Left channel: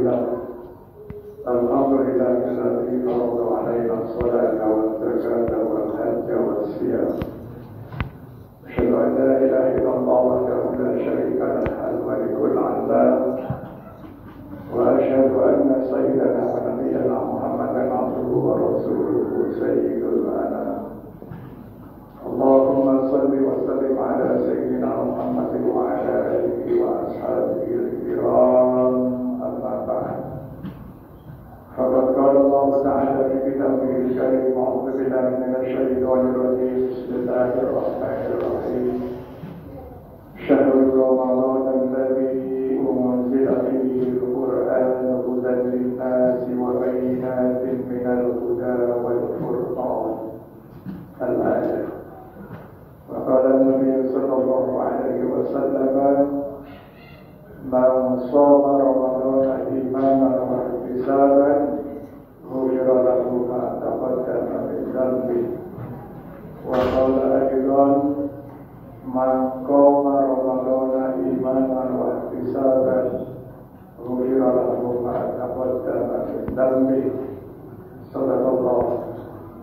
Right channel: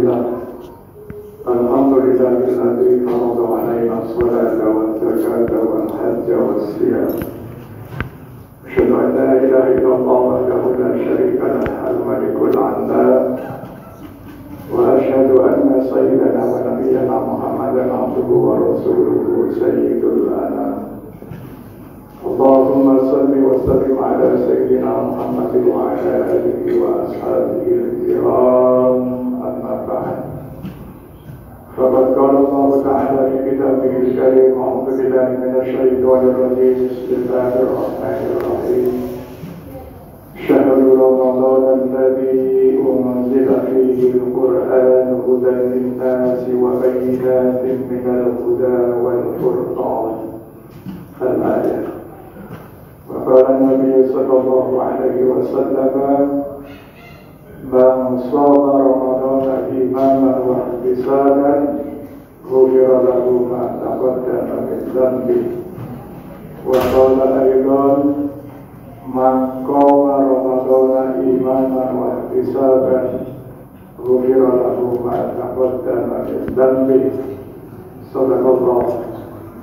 الحمد لله الذي فرض علينا الصلاة والزكاة والحج والصيام. أشهد أن لا إله إلا الله وحده لا شريك له الملك العلام، وأشهد أن سيدنا ونبينا محمدا عبده ورسوله سيد الأنام. اللهم صل وسلم على سيدنا محمد وعلى آله وأصحابه الكرام. أما بعد، فقد قال الله تعالى في كتابه الكريم: أعوذ بالله من الشيطان الرجيم، بسم الله الرحمن الرحيم. شهر رمضان الذي أنزل فيه القرآن هدى للناس وبينات من الهدى والفرقان. الآية. وقال النبي صلى الله عليه وسلم: من صام رمضان إيمانا واحتسابا غفر له ما تقدم من ذنبه. وقال أيضا: من قام رمضان إيمانا واحتسابا غفر له ما تقدم من ذنبه. صدق الله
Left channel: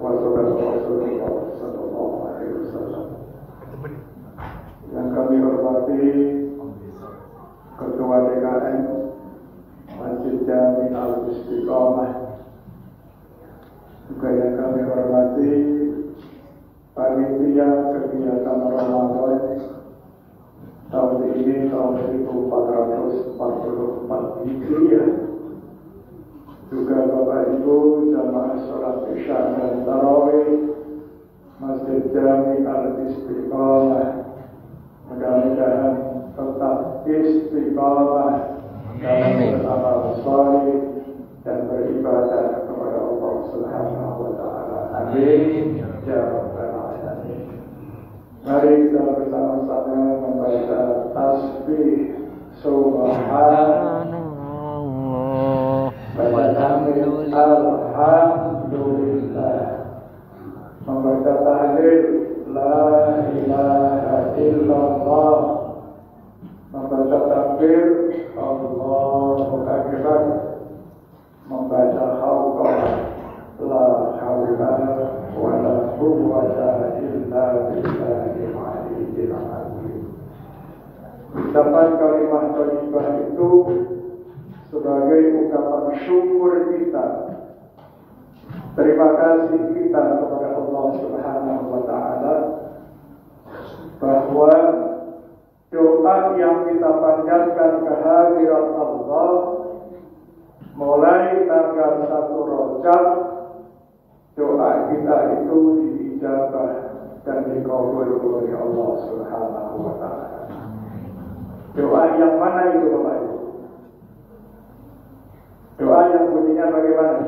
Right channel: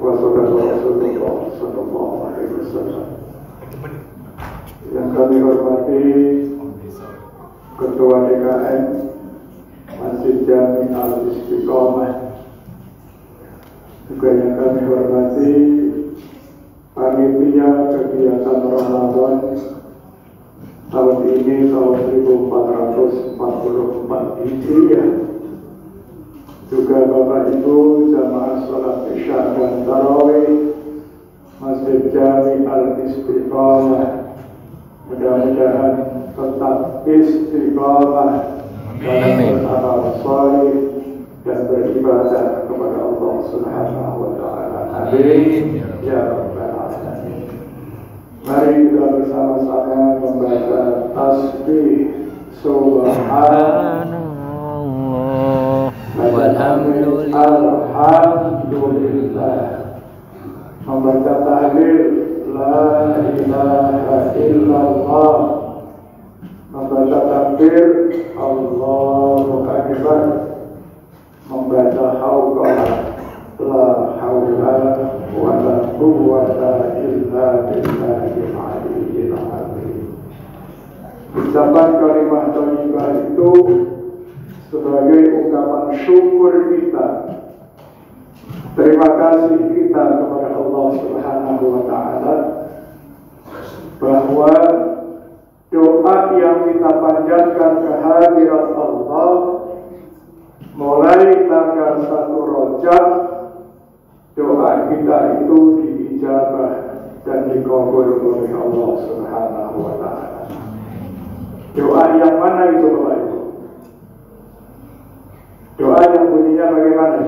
وصدق رسول الله صلى الله عليه وسلم. Yang kami hormati Ketua DKM Masjid Jami Al-Istiqomah, juga yang kami hormati panitia kegiatan Ramadan tahun ini, tahun 1444 Hijriah, juga Bapak Ibu jamaah sholat Isya dan Tarawih Masjid Jami Al-Istiqomah. Mudah-mudahan tetap istiqamah dan beramal saleh dan beribadah kepada Allah Subhanahu wa taala. Amin ya rabbal alamin. Mari kita bersama-sama membaca tasbih subhanallah walhamdulillah, membaca tahlil la ilaha illallah, membaca takbir Allahu akbar, membaca hauqah la haula wala quwwata illa billahil aliyyil azim. Ucapan kalimat thayyibah itu sebagai ungkapan syukur kita, terima kasih kita kepada Allah Subhanahu wa taala bahwa doa yang kita panjatkan kehadirat Allah mulai tanggal 1 Rajab, doa kita itu diijabah dan dikabul oleh Allah Subhanahu wa taala. Doa yang mana itu Bapak Ibu? Doa yang bunyinya bagaimana?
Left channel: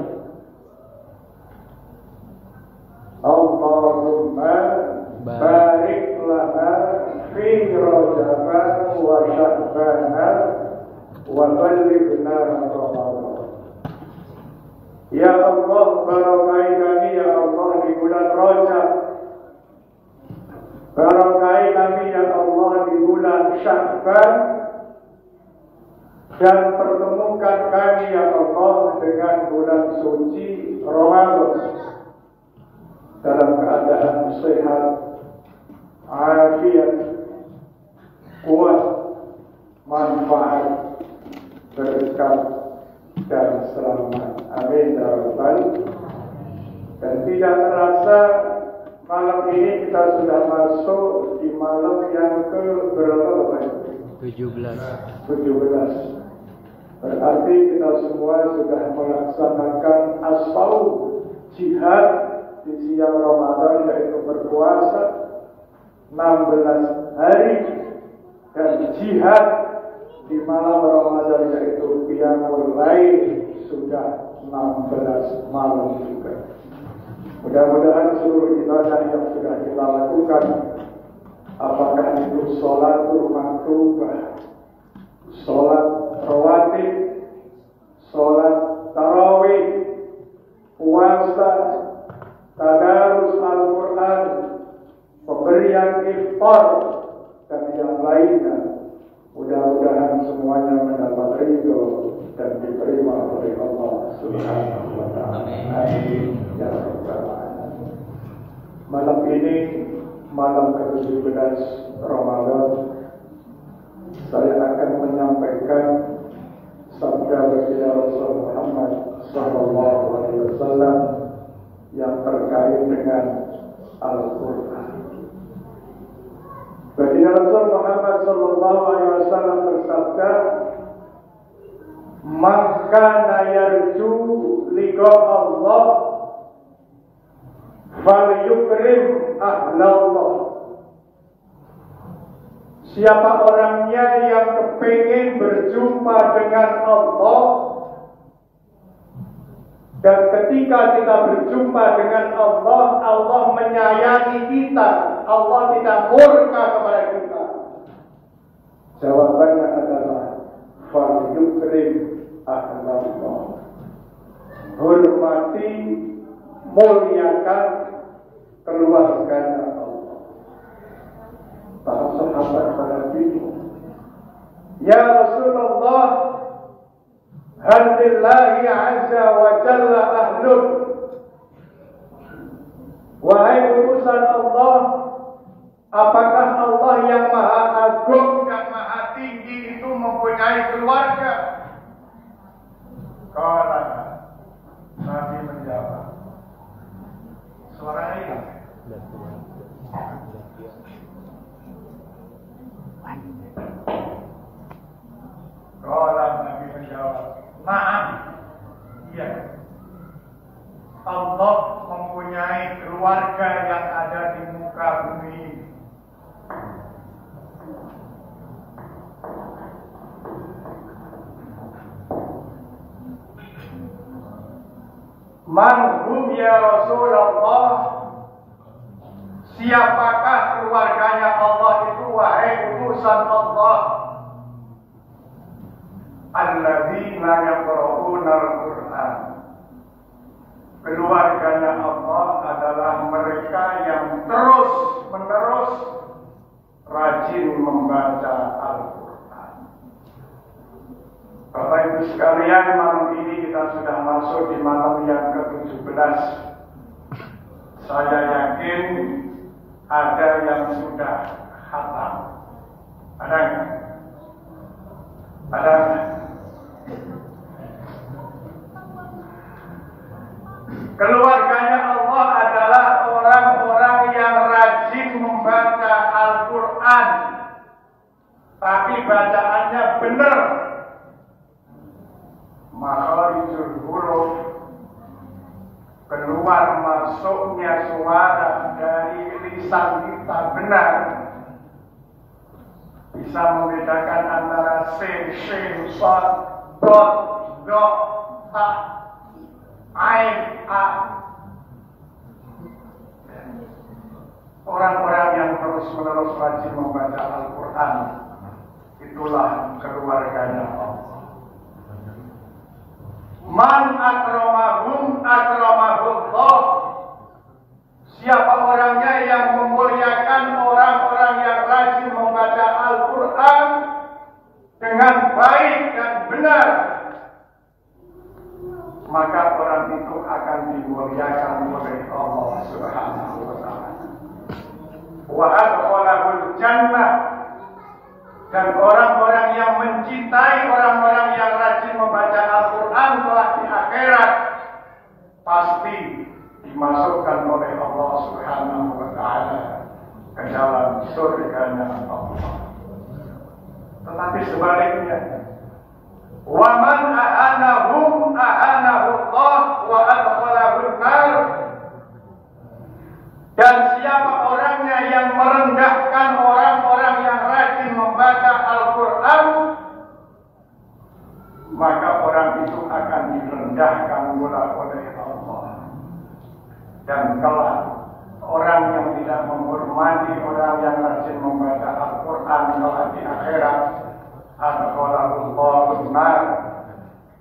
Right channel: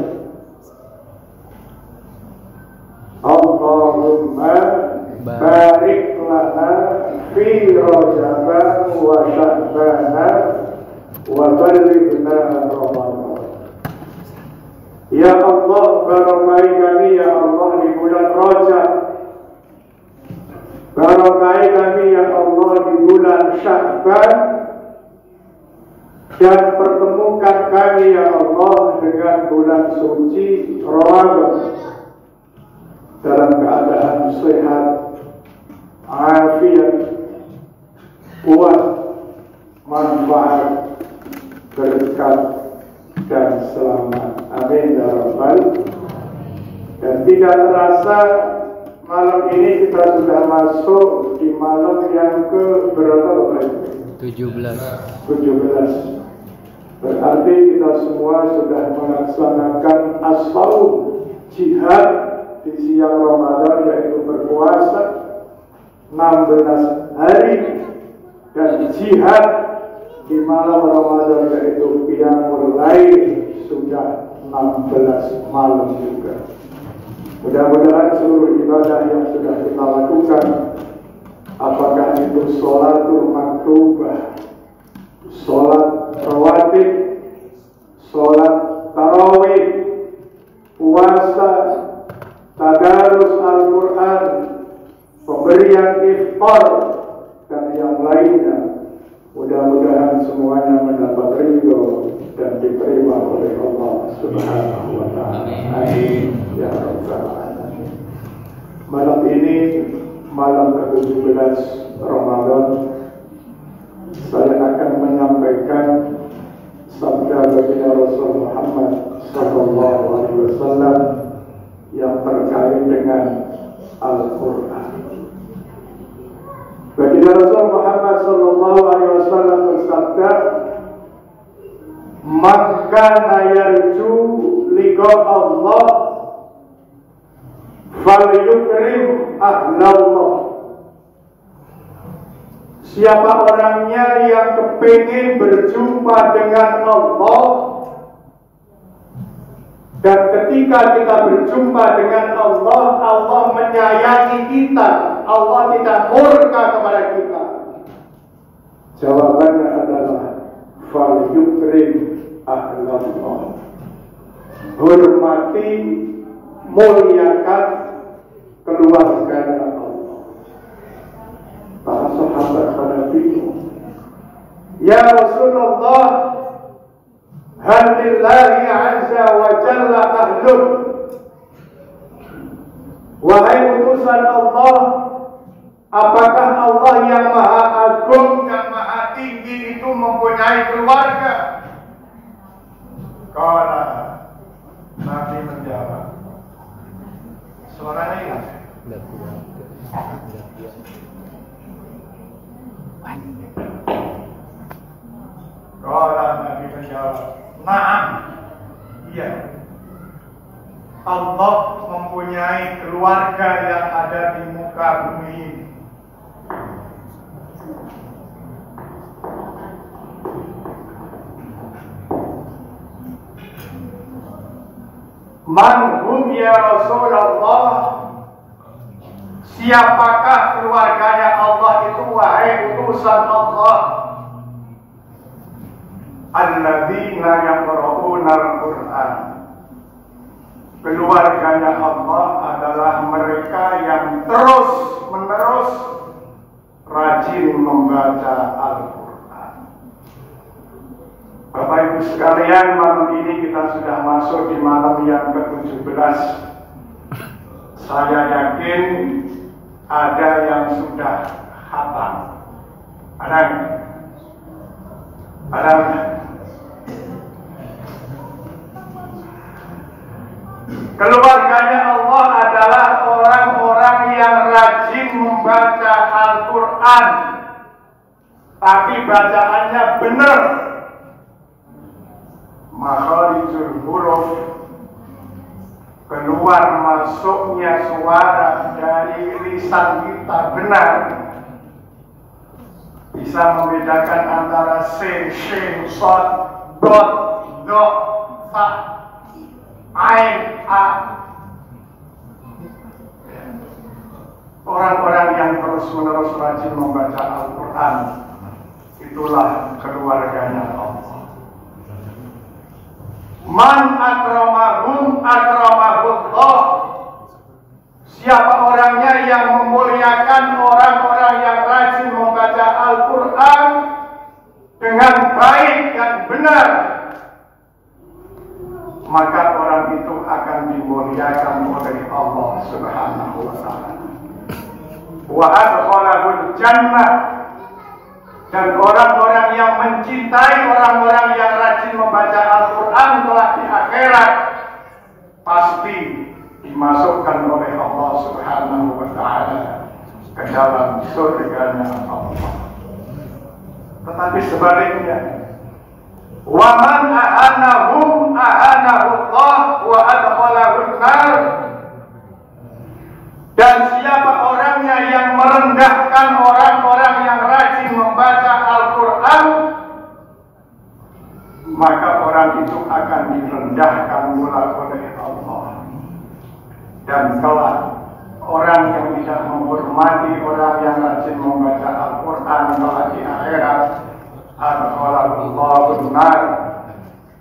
Allahumma barik lana fi Rajab wa Sya'ban wa ballighna Ramadan. Ya Allah, barakahi kami ya Allah di bulan Rajab, barakahi kami ya Allah di bulan Sya'ban, dan pertemukan kami ya Allah dengan bulan suci Ramadan dalam keadaan sehat, afiat, kuat, manfaat, berkat dan selamat. Amin ya rabbal. Dan tidak terasa malam ini kita sudah masuk di malam yang ke berapa? 17. Berarti kita semua sudah melaksanakan as-shaum, jihad di siang Ramadan, yaitu berpuasa 16 hari, dan jihad di malam Ramadan yaitu qiyamul lail sudah 16 malam juga. Mudah-mudahan seluruh ibadah yang sudah kita lakukan, apakah itu sholatul maktubah, sholat rawatib, sholat tarawih, puasa, tadarus Al-Quran, pemberian iftar, dan yang lainnya, mudah-mudahan semuanya mendapat ridho dan diterima oleh Allah Subhanahu wa Ta'ala. Amin ya rabbal alamin. Malam ini malam ke-17 Ramadan, saya akan menyampaikan sabda baginda Rasul Muhammad sallallahu alaihi wasallam yang terkait dengan Al-Qur'an. Baginda Rasul Muhammad sallallahu alaihi wasallam bersabda, "Maka yarju liqa Allah falyukrim ahlallah." Siapa orangnya yang kepingin berjumpa dengan Allah, dan ketika kita berjumpa dengan Allah, Allah menyayangi kita, Allah tidak murka kepada kita. Jawabannya adalah falyukrim ahlallah. Hormati, muliakan keluarganya Allah. Para sahabat pada bingung, ya Rasulullah, hal lillahi azza wa jalla ahlun. Wahai utusan Allah, apakah Allah yang maha agung dan maha tinggi itu mempunyai keluarga? Qala, Nabi menjawab, suaranya hilang. Qala, Nabi menjawab, na'am, iya, Allah mempunyai keluarga yang ada di muka bumi ini. Man hum ya Rasulullah, siapakah keluarganya Allah itu, wahai utusan Allah? Alladzina yaqra'una al-Qur'an. Keluarganya Allah adalah mereka yang terus-menerus rajin membaca Al-Quran. Bapak Ibu sekalian, malam ini kita sudah masuk di malam yang ke-17. Saya yakin ada yang sudah khatam. Ada? Keluarganya Allah adalah orang-orang yang rajin membaca Al-Quran, tapi bacaannya benar. Makharijul huruf, keluar masuknya suara dari lisan kita benar. Bisa membedakan antara sin, shin, shad, dot, do, ta, ain, a. Orang-orang yang terus-menerus rajin membaca Al-Quran, itulah keluarganya Allah. Man akramahum akramahullah. Siapa orangnya yang memuliakan orang-orang yang rajin membaca Al-Quran dengan baik dan benar, maka orang itu akan dimuliakan oleh Allah Subhanahu wa Ta'ala. Wa adkhalahul jannah, dan orang-orang yang mencintai orang-orang yang rajin membaca Al-Quran kelak di akhirat pasti dimasukkan oleh Allah Subhanahu wa Ta'ala ke dalam surganya Allah. Tetapi sebaliknya, wa man ahanahum ahanahullah wa adkhalahun nar. Dan siapa orangnya yang merendahkan orang-orang yang rajin membaca Al-Quran, maka orang itu akan direndahkan pula oleh Allah. Dan kelak orang yang tidak menghormati orang yang rajin membaca Al-Quran kelak di akhirat, Al-Quran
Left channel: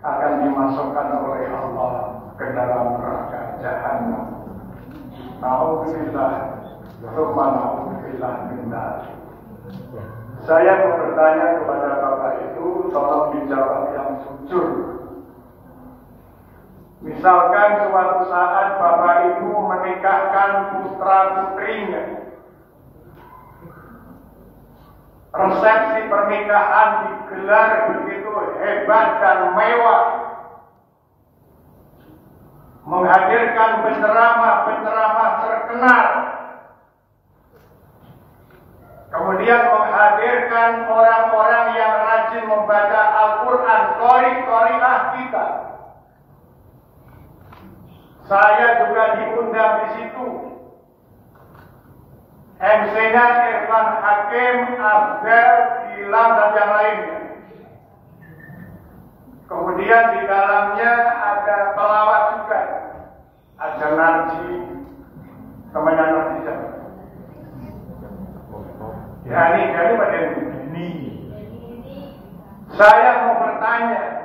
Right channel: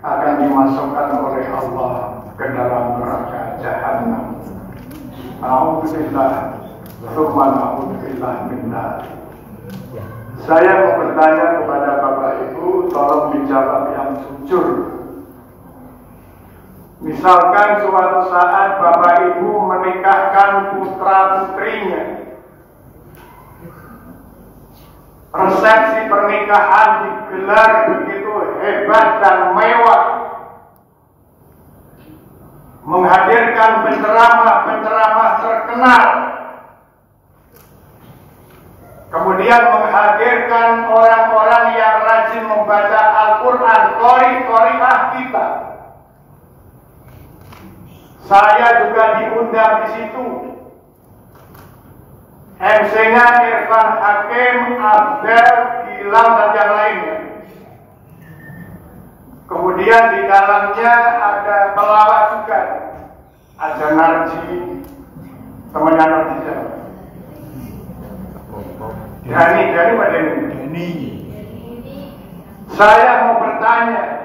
akan dimasukkan oleh Allah ke dalam neraka Jahannam. Alhamdulillah, Alhamdulillah benar. Saya mau bertanya kepada Bapak Ibu, tolong dijawab yang jujur. Misalkan suatu saat bapak ibu menikahkan putra putrinya, resepsi pernikahan digelar begitu hebat dan mewah, menghadirkan penceramah-penceramah terkenal, kemudian menghadirkan orang-orang yang rajin membaca Al-Quran, qori-qoriah kita. Saya juga diundang di situ. MC-nya Irfan Hakim, Abdel, Gilang, dan yang lainnya. Kemudian di dalamnya ada pelawak juga. Ada Narji, temannya Narji. Dani Pak Dani. Saya mau bertanya,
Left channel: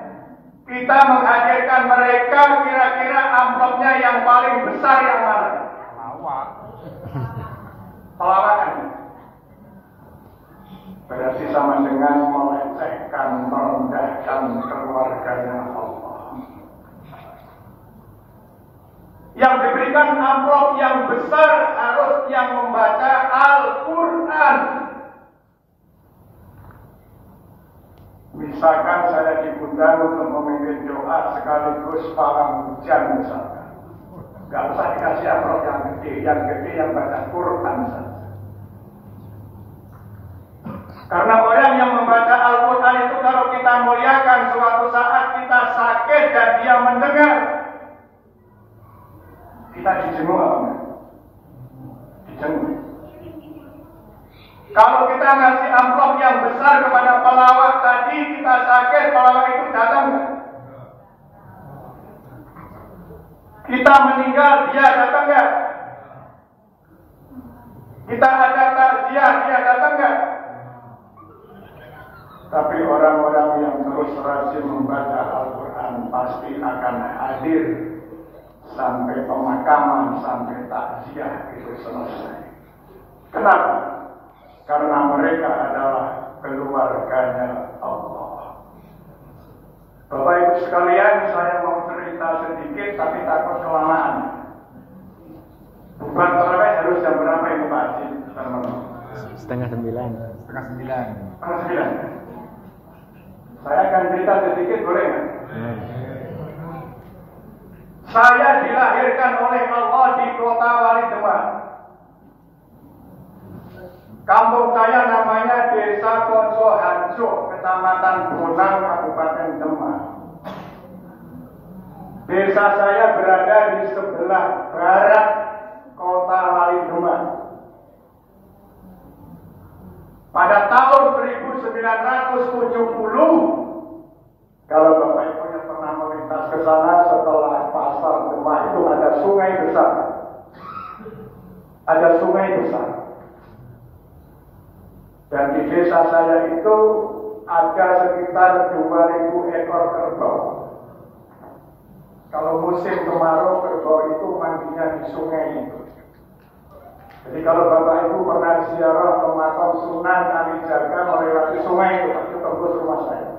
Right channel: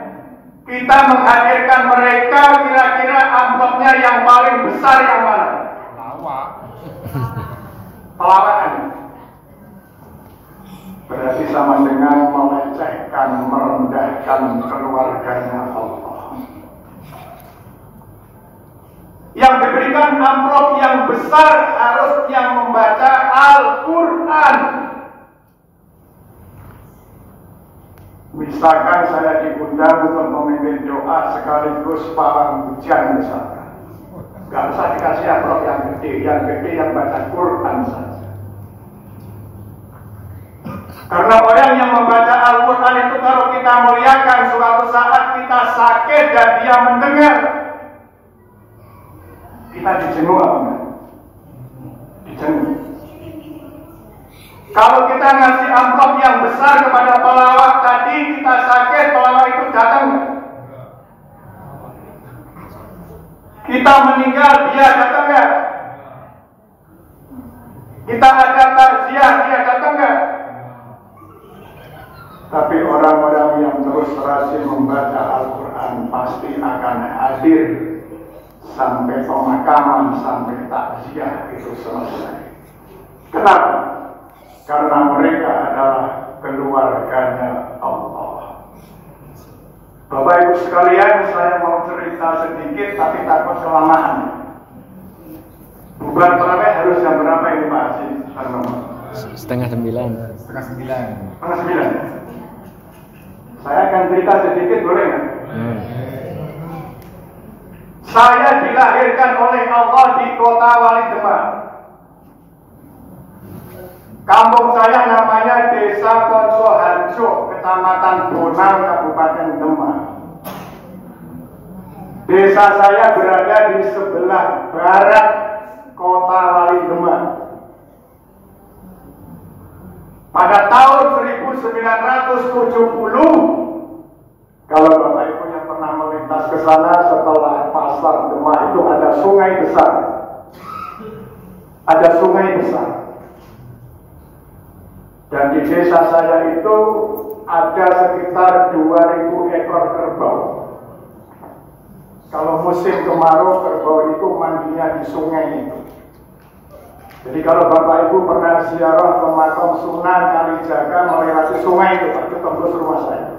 kita menghadirkan mereka, kira-kira amplopnya yang paling besar yang mana? Pelawakan. Berarti sama dengan melecehkan, merendahkan keluarganya Allah. Yang diberikan amplop yang besar harus yang membaca Al-Quran. Misalkan saya diundang untuk memimpin doa sekaligus palang hujan misalkan. Gak usah dikasih amplop yang gede yang baca Quran saja. Karena orang yang membaca Al-Quran itu kalau kita muliakan, suatu saat kita sakit dan dia mendengar, kita dijenguk apa? Dijenguk. Kalau kita ngasih amplop yang besar kepada pelawak tadi, kita sakit, pelawak itu datang. Kita meninggal, dia datang nggak? Kita ada takziah, dia datang nggak? Tapi orang-orang yang terus rajin membaca Al-Quran pasti akan hadir sampai pemakaman, sampai takziah itu selesai. Kenapa? Karena mereka adalah keluarganya Allah. Bapak Ibu sekalian, saya mau cerita sedikit tapi takut kelamaan. Bukan berapa harus jam berapa ini Pak Haji? Setengah 9. Setengah 9. Setengah 9. Saya akan cerita sedikit, boleh nggak? Saya dilahirkan oleh Allah di kota Wali Demak. Kampung saya namanya Desa Konsoharjo, Kecamatan Bonang, Kabupaten Demak. Desa saya berada di sebelah barat kota Wali Demak. Pada tahun 1970, kalau Bapak Ibu yang pernah melintas ke sana setelah pasar Demak itu ada sungai besar. Ada sungai besar. Dan di desa saya itu ada sekitar 2.000 ekor kerbau. Kalau musim kemarau, kerbau itu mandinya di sungai itu. Jadi kalau Bapak Ibu pernah ziarah ke makam Sunan Kalijaga melewati sungai itu tembus rumah saya.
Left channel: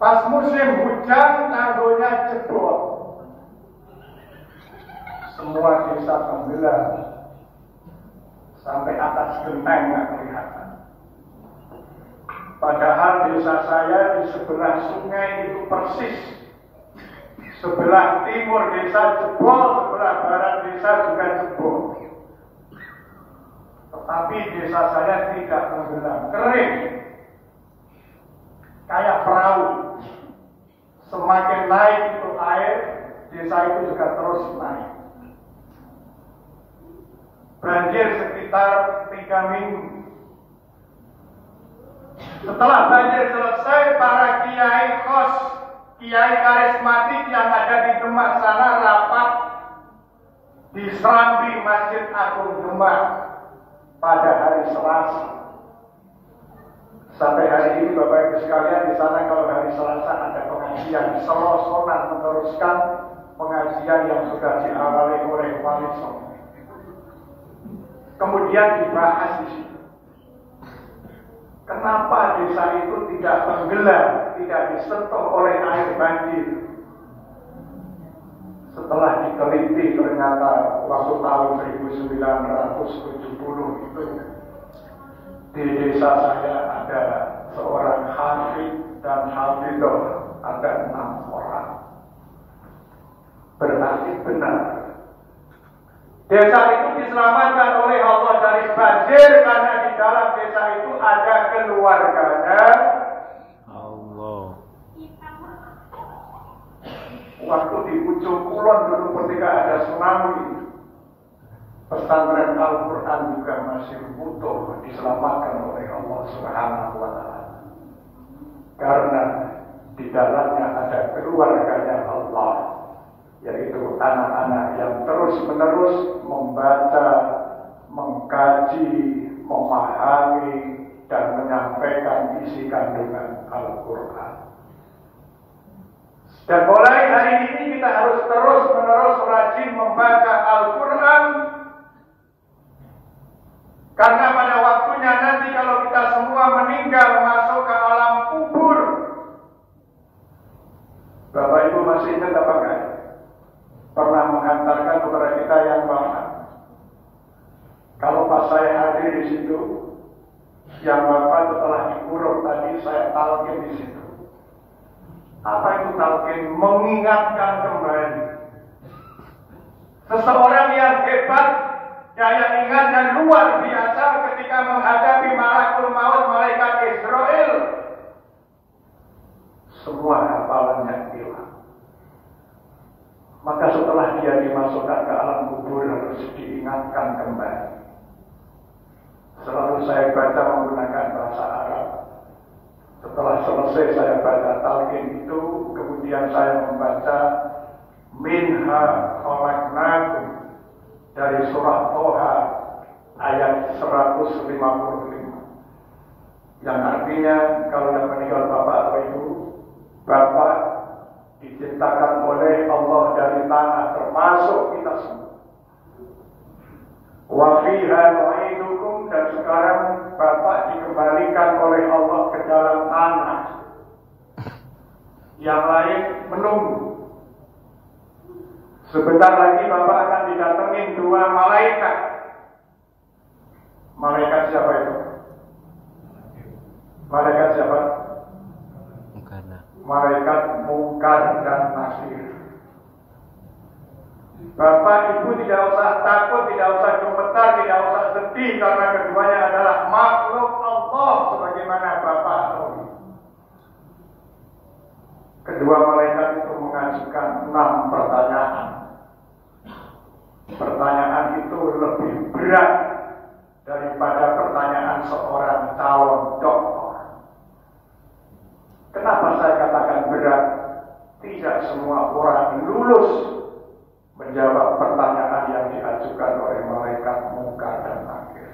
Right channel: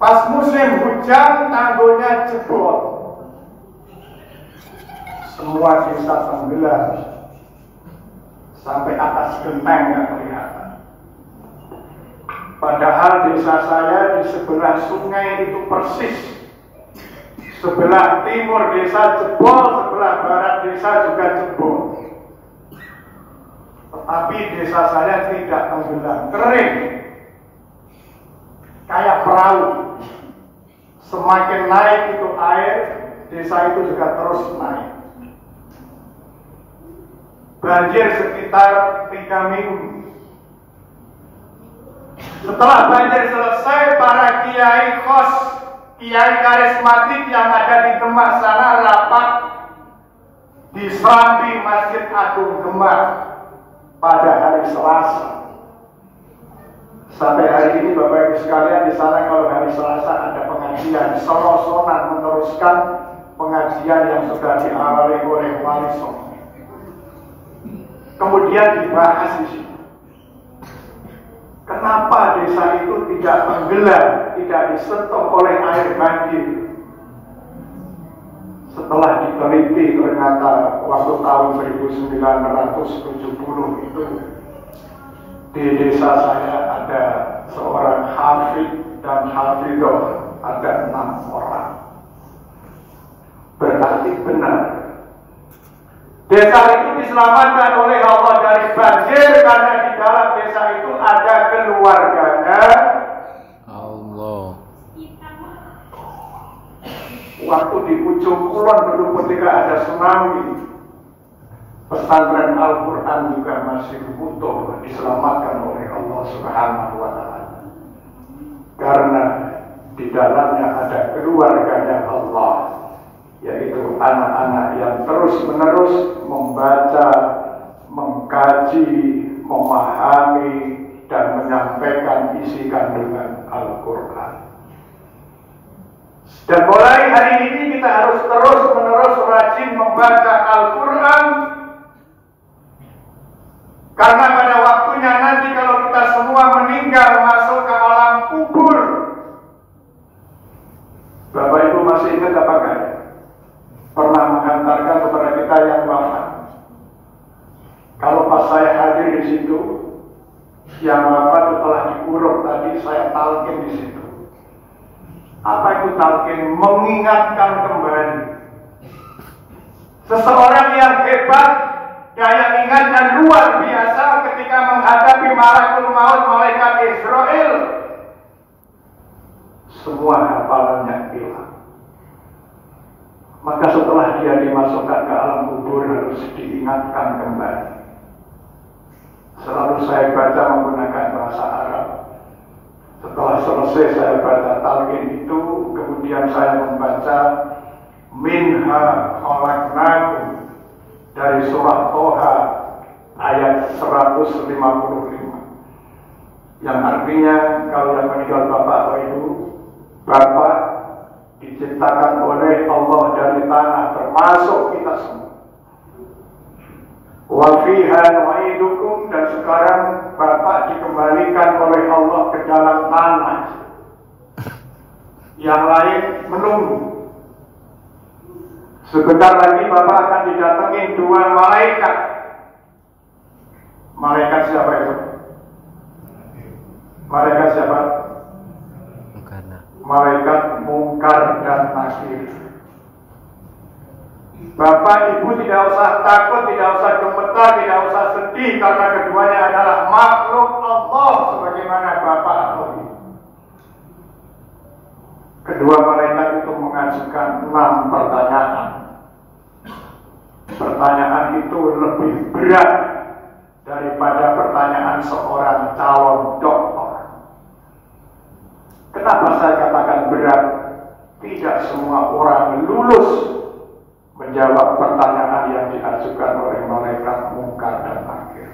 Pas musim hujan tanggulnya jebol. Semua desa tenggelam. Sampai atas genteng yang kelihatan. Padahal desa saya di sebelah sungai itu persis. Sebelah timur desa jebol, sebelah barat desa juga jebol. Tetapi desa saya tidak tenggelam, kering. Kayak perahu. Semakin naik itu air, desa itu juga terus naik. Banjir sekitar 3 minggu. Setelah banjir selesai, para kiai kos, kiai karismatik yang ada di Demak sana rapat di Serambi Masjid Agung Demak pada hari Selasa. Sampai hari ini Bapak Ibu sekalian di sana kalau hari Selasa ada pengajian, solo-solan meneruskan pengajian yang sudah diawali oleh Wali Songo. Kemudian dibahas di sini. Kenapa desa itu tidak tenggelam, tidak disentuh oleh air banjir? setelah diteliti ternyata waktu tahun 1970 itu di desa saya ada seorang hafid dan hafidoh, ada 6 orang. Berarti benar. Desa itu diselamatkan oleh Allah dari banjir karena di dalam desa itu ada keluarganya Allah. Waktu di ujung kulon dulu ketika ada tsunami, pesantren Al-Quran juga masih utuh, diselamatkan oleh Allah Subhanahu wa Ta'ala. Karena di dalamnya ada keluarganya Allah, yaitu anak-anak yang terus-menerus membaca, mengkaji, memahami, dan menyampaikan isi kandungan Al-Quran. Dan mulai hari ini kita harus terus-menerus rajin membaca Al-Quran, karena pada waktunya nanti kalau kita semua meninggal masuk ke alam kubur. Bapak Ibu masih ingat apa enggak? Pernah menghantarkan kepada kita yang wafat. Kalau pas saya hadir di situ, yang wafat telah dikurung tadi, saya talqin di situ. Apa itu talqin? Mengingatkan kembali. Seseorang yang hebat, daya ingatnya luar biasa ketika menghadapi malakul maut, malaikat Israel. Semua hafalannya hilang. Maka setelah dia dimasukkan ke alam kubur harus diingatkan kembali. Selalu saya baca menggunakan bahasa Arab. Setelah selesai saya baca talqin itu, kemudian saya membaca Minha khalaqnakum dari surah Toha ayat 155, yang artinya kalau yang meninggal bapak atau ibu, bapak diciptakan oleh Allah dari tanah, termasuk kita semua. Wa fiha nu'idukum, dan sekarang bapak dikembalikan oleh Allah ke dalam tanah. Yang lain menunggu. Sebentar lagi bapak akan didatengin 2 malaikat. Malaikat siapa itu? Malaikat siapa? Malaikat Mungkar dan Nakir. Bapak Ibu tidak usah takut, tidak usah gemetar, tidak usah sedih, karena keduanya adalah makhluk Allah sebagaimana Bapak tahu. Kedua malaikat itu mengajukan 6 pertanyaan. Pertanyaan itu lebih berat daripada pertanyaan seorang calon dokter. Kenapa saya katakan berat? Tidak semua orang lulus menjawab pertanyaan yang diajukan oleh malaikat Mungkar dan Nakir.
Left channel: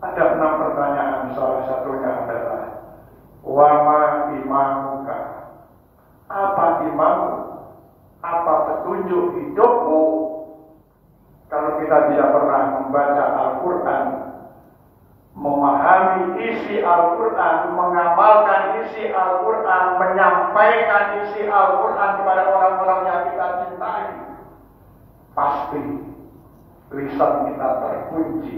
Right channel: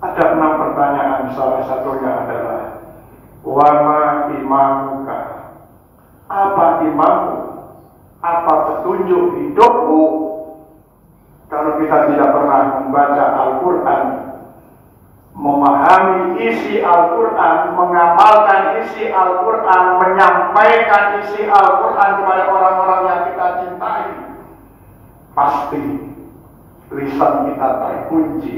Ada 6 pertanyaan, salah satunya adalah Wama imamuka, apa imamu? Apa petunjuk hidupmu? Kalau kita tidak pernah membaca Al-Quran, memahami isi Al-Quran, mengamalkan isi Al-Quran, menyampaikan isi Al-Quran kepada orang-orang yang kita cintai, pasti lisan kita terkunci,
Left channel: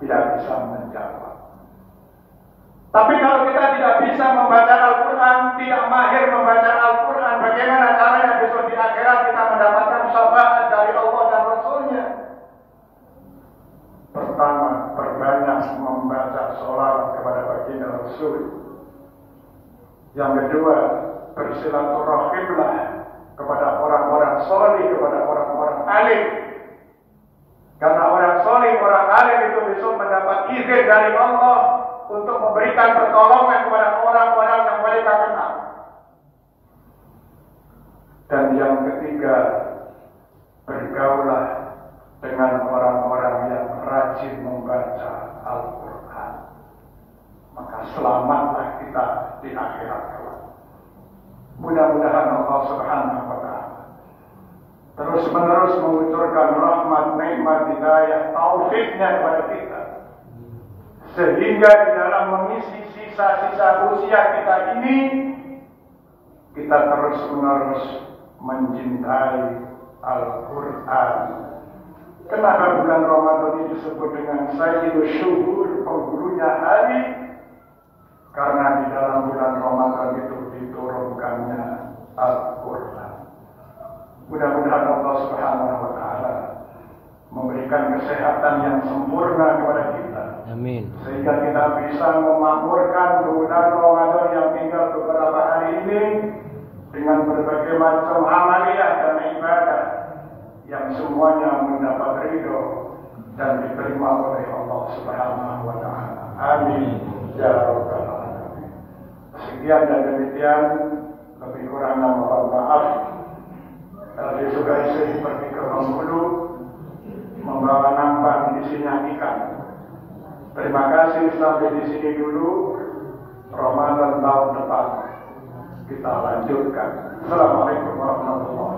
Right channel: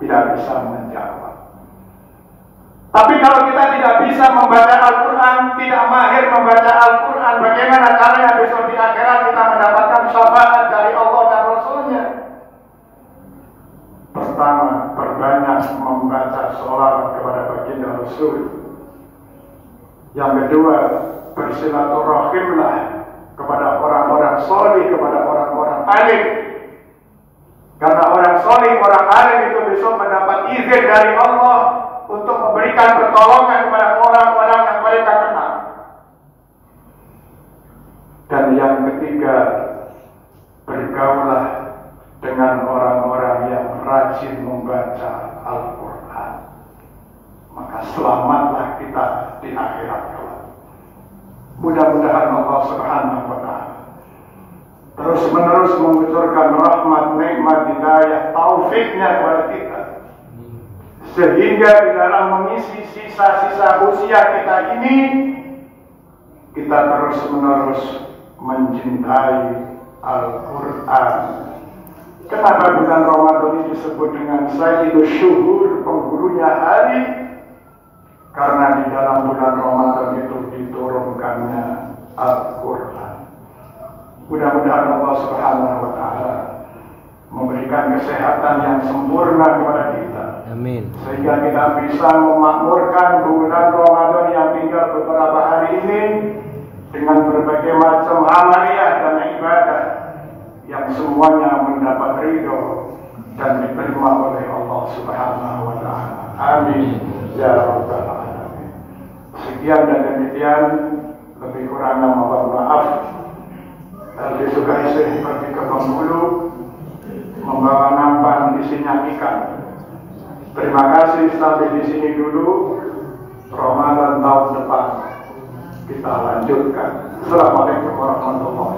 tidak bisa menjawab. Tapi kalau kita tidak bisa membaca Al-Quran, tidak mahir membaca Al-Quran, bagaimana caranya besok di akhirat kita mendapatkan syafaat dari Allah dan Rasulnya? Pertama, perbanyak membaca sholawat kepada baginda Rasul. Yang kedua, bersilaturahimlah kepada orang-orang soleh, kepada orang-orang alim. Karena orang soleh, orang alim itu besok mendapat izin dari Allah untuk memberikan pertolongan kepada orang-orang yang mereka kenal. Dan yang ketiga, bergaulah dengan orang-orang yang rajin membaca Al-Quran. Maka selamatlah kita di akhirat kelak. Mudah-mudahan Allah Subhanahu wa Ta'ala terus-menerus mengucurkan rahmat, nikmat, hidayah, taufiknya kepada kita, sehingga di dalam mengisi sisa-sisa usia kita ini, kita terus-menerus mencintai Al-Quran. Kenapa bulan Ramadan ini disebut dengan Sayyidus Syuhur, penghulunya hari? Karena di dalam bulan Ramadan itu diturunkannya Al-Quran. Mudah-mudahan Allah Subhanahu wa Ta'ala memberikan kesehatan yang sempurna kepada kita. Amin. Sehingga kita bisa memakmurkan bulan Ramadan yang tinggal beberapa hari ini dengan berbagai macam amaliyah dan ibadah yang semuanya mendapat ridho dan diterima oleh Allah Subhanahu wa Ta'ala. Amin ya rabbal alamin. Sekian dan demikian, lebih kurangnya mohon maaf. Tadi juga saya pergi ke Bengkulu membawa nampan isinya ikan. Terima kasih, sampai di sini dulu. Ramadan tahun depan kita lanjutkan. Assalamualaikum warahmatullahi wabarakatuh.